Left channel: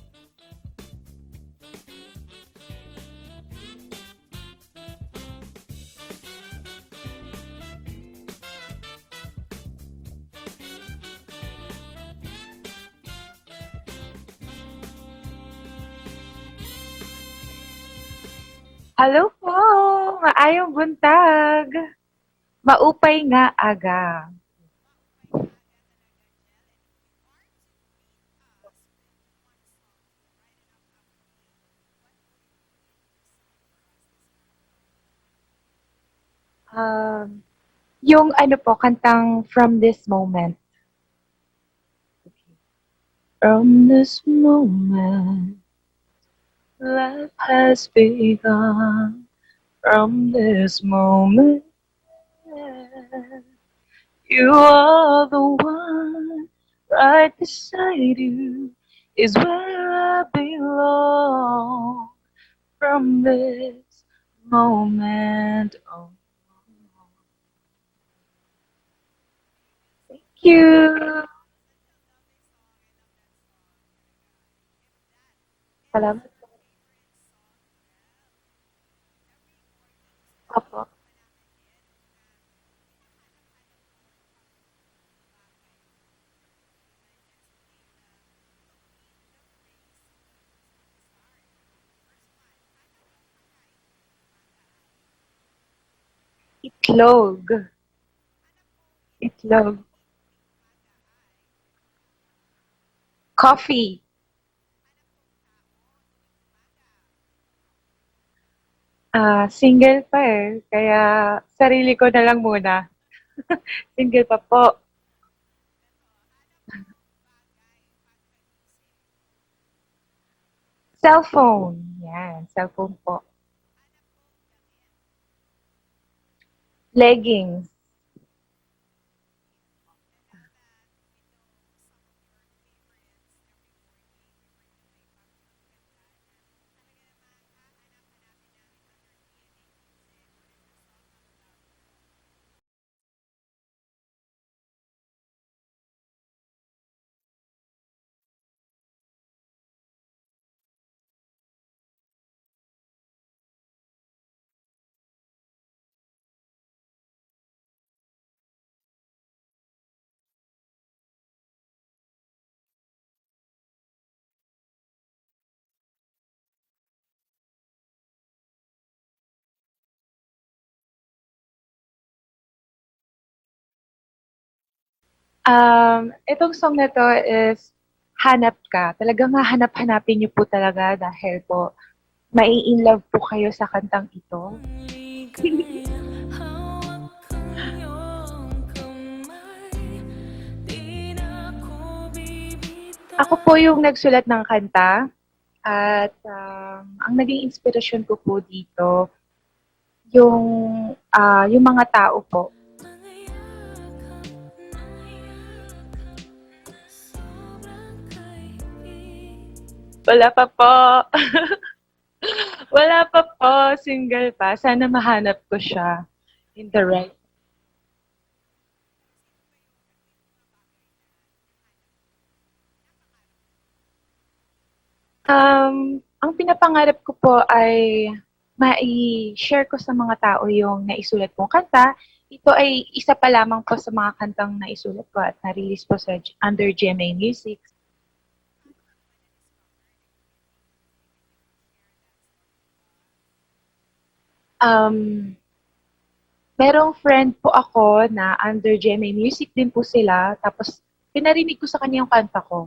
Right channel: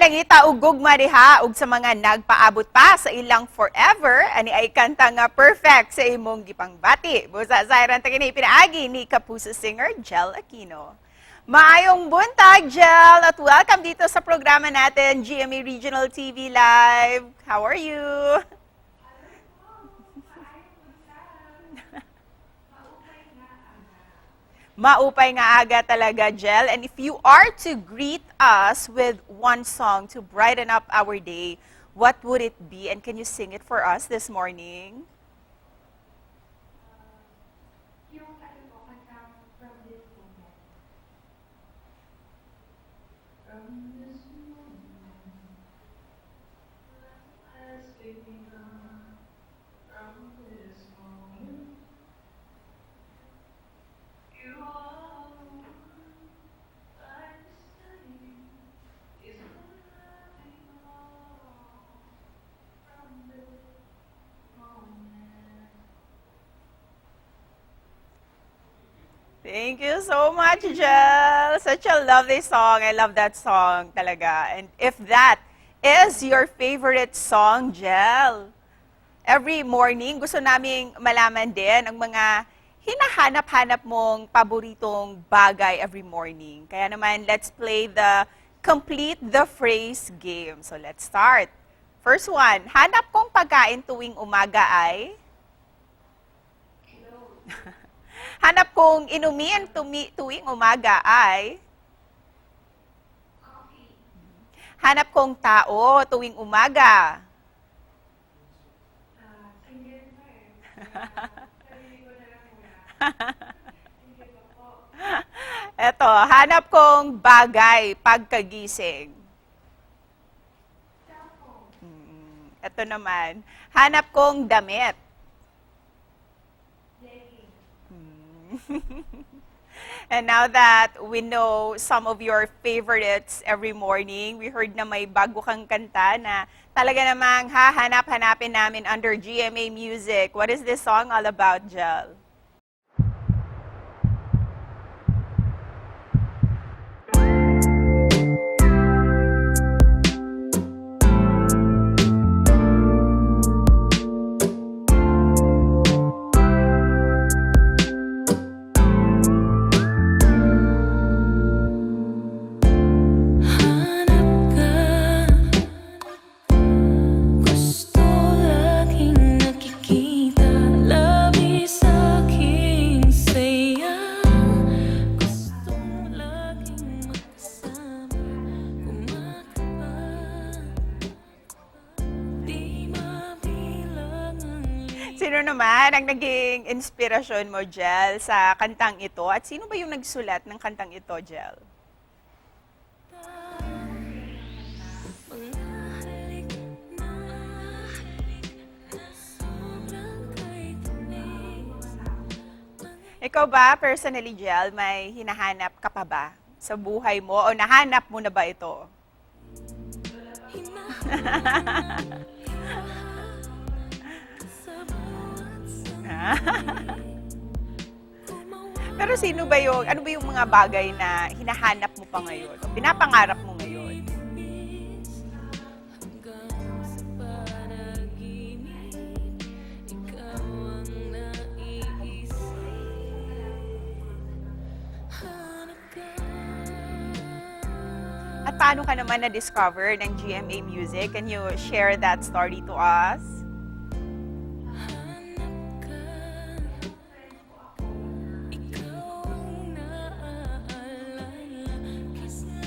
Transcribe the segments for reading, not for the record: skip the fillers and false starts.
nangita og gugma diha ug sa mga nagpaabot pa sa ilang forever ani ay kanta nga perfect sa imong gipangbati. Busa sa iran kini pinaagi ni Kapuso singer Jel Aquino. Maayong buntag, Jel, at welcome dito sa programa natin, GMA Regional TV Live. How are you? Hello po! Maayong buntag! Maupay nga aga. Maupay nga aga talaga, Jel. And if you are to greet us with one song to brighten up our day, what would it be? And can you sing it for us this morning? Yung ano po, kantang From This Moment. From this moment, life has begun. From this moment, you are the one. Right beside you is where I belong. From this moment on. Thank you so much, Jel. Such a lovely song. I love that song talaga. And if that is your favorite song, Jel, every morning gusto naming malaman din ang mga hinahanap-hanap mong paboritong bagay every morning. Kaya naman, let's play the Complete the Phrase game. So let's start. First one, hanap kong pagkain tuwing umaga ay? Itlog. Hanap kong inumin Itlog. tuwing umaga ay? Coffee. Hanap kong tao tuwing umaga. Single pa eh. Kaya sarili ko na lang muna. Single pa po. Eto, hanap kong bagay pagkagising. Cellphone. Yan, Ito cellphone po. naman, hanap kong damit. Leggings. And now that we know some of your favorites every morning, we heard na may bago kang kanta na talaga namang hahanap-hanapin namin under GMA Music. What is this song all about, Jel? Itong song na to is Hanap Ka. Talagang hahanap-hanapin niyo po talaga dahil po mai-inlove po kayo sa kantang ito. Sino naman ang naging inspirasyon mo, Jel, sa kantang ito? At sino ba yung nagsulat ng kantang ito, Jel? Ako po yung nagsulat ng kanta at ang naging inspirasyon ko po dito yung mga tao po. Ikaw ba, personally, Jel, may hinahanap ka pa ba sa buhay mo? O nahanap mo na ba ito? Wala pa po. Wala pa po. Single pa. Sana mahanap ko siya. The right. Pero ano ba yung mga bagay na hinahanap mo pa ngayon? O pinapangarap mo ngayon? Ang pinapangarap ko po ay mai-share ko sa mga tao yung naisulat kong kanta. Ito ay isa pa lamang po sa mga kantang naisulat ko at na-release po sa under GMA Music. At paano ka naman na-discover ng GMA Music? Can you share that story to us? Merong friend po ako na under GMA Music din po sila. Tapos pinarinig ko sa kanya yung kanta ko.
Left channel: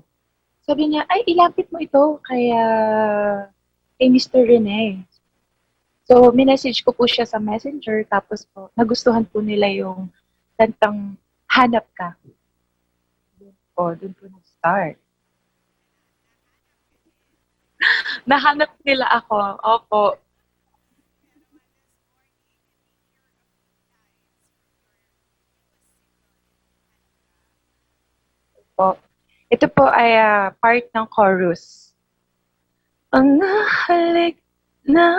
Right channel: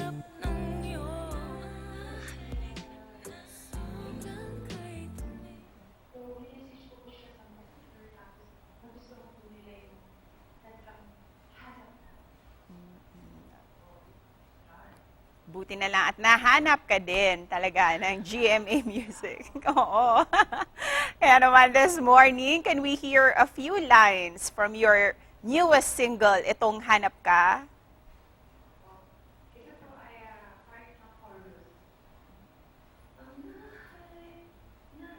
Sabi niya, ay ilapit mo ito kay Mr. Rene. So, minessage ko po siya sa Messenger, tapos po, nagustuhan po nila yung kantang Hanap Ka. O, doon po nag-start. Buti na lang at nahanap ka din talaga ng GMA Nahanap nila Music. ako. Opo. Kaya naman this morning, can we hear a few lines from your newest single, itong Hanap Ka? Po. Ito po ay part ng chorus. Ang nahalik na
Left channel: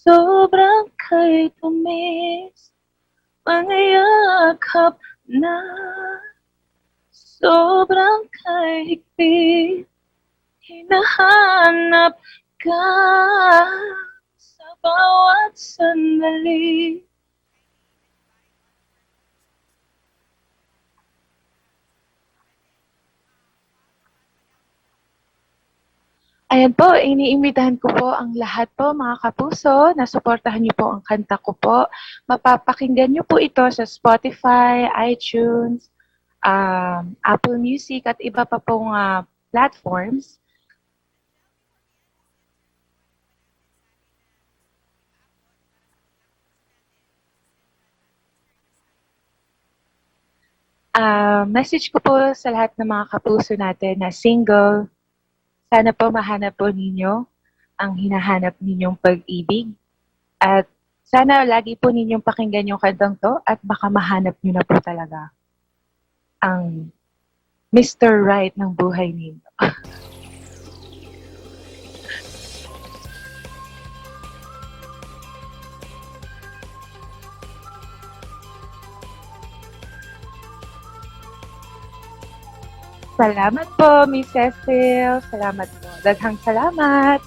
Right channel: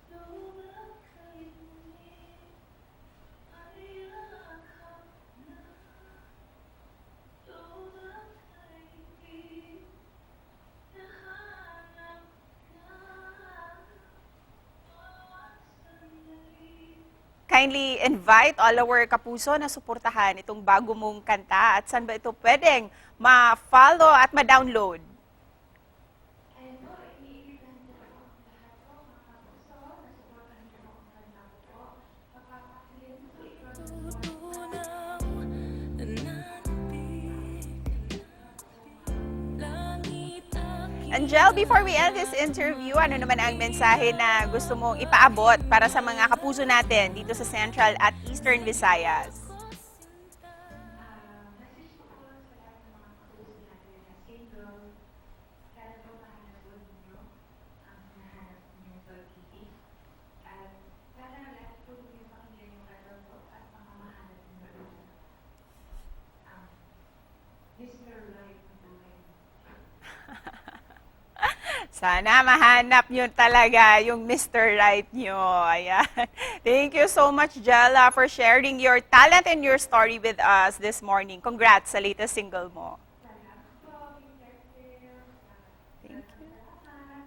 sobrang kay tumis, mangayakap na sobrang kay higpit, hinahanap ka sa bawat sandali. Kindly invite all our kapuso na suportahan itong bago mong kanta at saan ba ito pwedeng ma-follow at ma-download? Ayan po, iniimbitahan ko po ang lahat po mga kapuso na suportahan niyo po ang kanta ko po. Mapapakinggan niyo po ito sa Spotify, iTunes, Apple Music at iba pa pong platforms. Angel, before we end this interview, ano naman ang mensahe na gusto mong ipaabot para sa mga kapuso natin dito sa Central at Eastern Visayas? Message ko po sa lahat ng mga kapuso natin na single, sana po mahanap po ninyo ang hinahanap ninyong pag-ibig. At sana lagi po ninyong pakinggan yung kantang to at baka mahanap nyo na po talaga ang Mr. Right ng buhay ninyo. Sana mahanap nyo talaga yung Mr. Right nyo. Ayan. Thank you so much, Jella, for sharing your talent and your story with us this morning. Congrats sa latest single mo. Salamat po, Miss Cecil. Salamat po. Daghang salamat.